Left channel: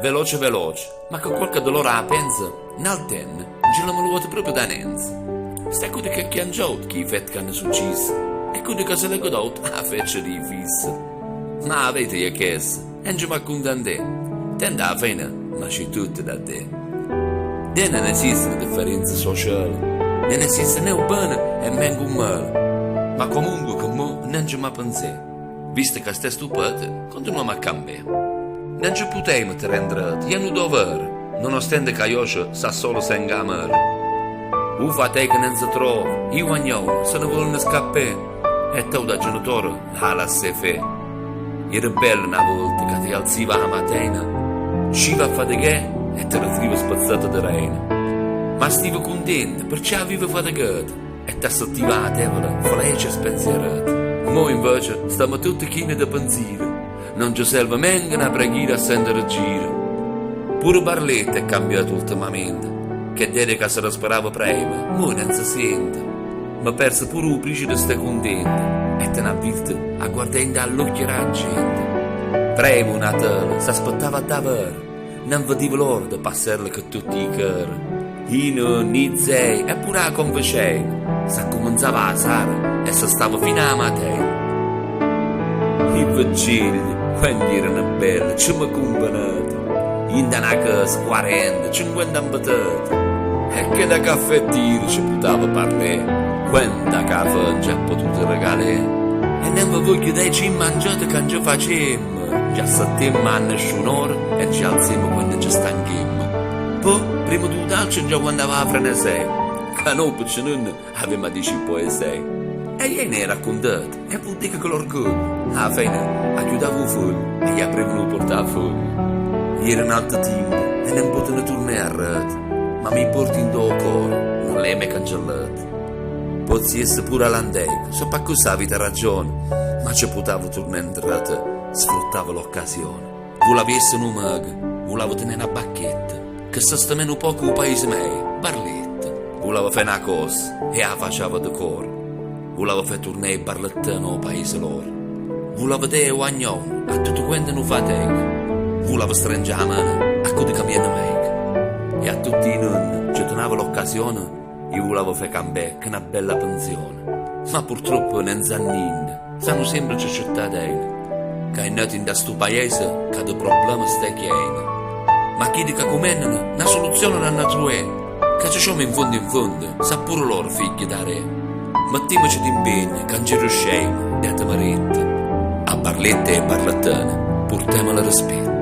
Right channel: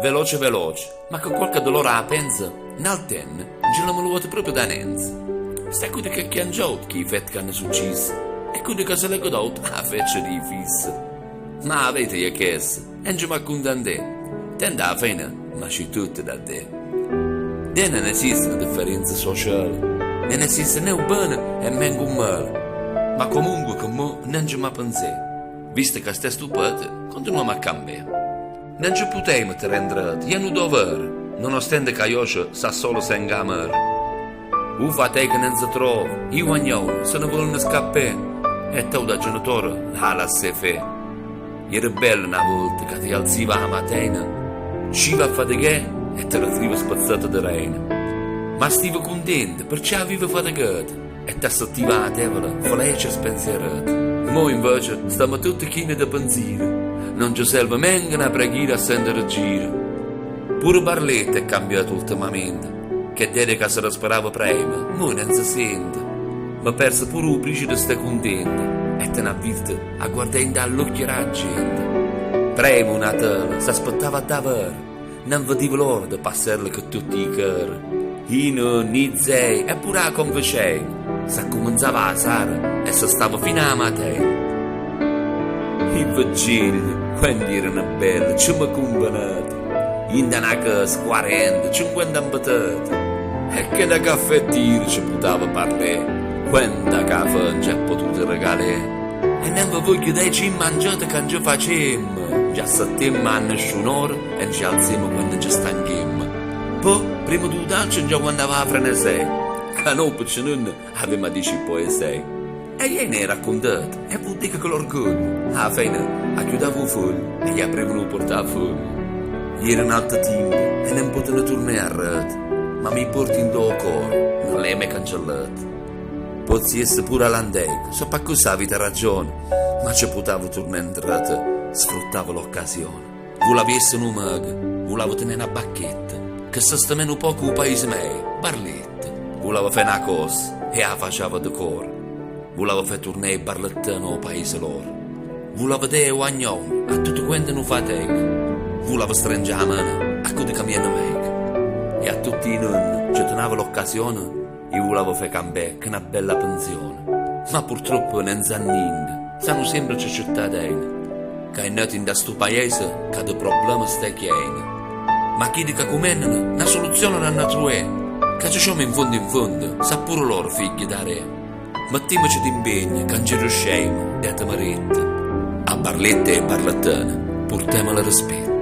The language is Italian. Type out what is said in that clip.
veloce veloce, ma con qualche dolore a pensa, nel ten, ce l'hanno luoto proprio da nenza. Sta quello che chiangiato che i fatti che hanno successo, e quello che se l'è godato a feccia di fissa. Ma avete io chiesto, e non ci mi condannate, tende alla fine, ma c'è tutto da te. Non esiste differenza sociale, non esiste né un bene e neanche un male, ma comunque con me non ci mi pensate. Visto che stai stupito, continuiamo a cambiare. Non ci potremo rendere, è un dovere, nonostante che io sa solo se ingamare. U fate che non si trova, io ognuno, se ne vogliono scappare, e tu da genitore la lasci fare. Era bello una volta che ti alziva la mattina, usciva a faticare e te la trovi spazzata di rena. Ma stavo contento perché avevo faticato e ti assettiva la tavola, felice e spensierata. Mo invece stiamo tutti chini da pensiero, non ci serve neanche una preghiera a sentire giro. Pure Barletta è cambiato ultimamente, che dedica se la sperava prima, mo non si sente. Ma perso pure un principe stai contento e te ne ha visto a guardare dall'occhio la gente. Prima una tela si aspettava davvero, non vedeva l'ora di passarle con tutti i cari. I nonni, i zei e pure la convecei, si cominciava a sera e si stava fino alla mattina. I vigili, quando erano belli, ci mi combinati. In una casa 40, 50 abitati. E che da caffettiere ci poteva parlare, quanta caffè non ci ha potuto regalare. E non vi voglio dire ci mangiate che ci facemmo. Già settemmo a nessun'ora e ci alziamo quando ci stanchiamo. Poi, prima di udalci, già andava a frenesei, che noi piccinoni avevamo a dire poesie. E io ne raccontato, e vuol dire che l'orgoglio. Alla fine, chiudavo il foglio e gli aprivano il portafoglio. Ieri un altro tempo e non potevo tornare a rete, ma mi porti in do cuore, non l'hai mai cancellato. Pozzi essere pure all'andeco, so per cosa avete ragione, ma ci potevo tornare in rete, sfruttavo l'occasione. Volevo essere un mago, volevo tenere una bacchetta, che si sta meno poco il paese mio, Barletta. Volevo fare una cosa e la facevo di cuore. Volevo fare tornare il barlettano al paese loro. Volevo dire ognuno, a tutto quanto non fatica. Volevo stringere la mano a quelli che mi hanno meglio. E a tutti i nonni ci donavo l'occasione e volevo fare cambiare che una bella pensione. Ma purtroppo non sa niente, sanno sempre c'è cittadini che è nato in questo paese che ha problemi stai chieni. Ma chi dica come una soluzione non hanno trovato, che ci siamo in fondo, sa pure loro figli da re. Mettiamoci d'impegno, che non ci riusciamo, date marette. A Barletta e Barlettane, portiamola rispetto.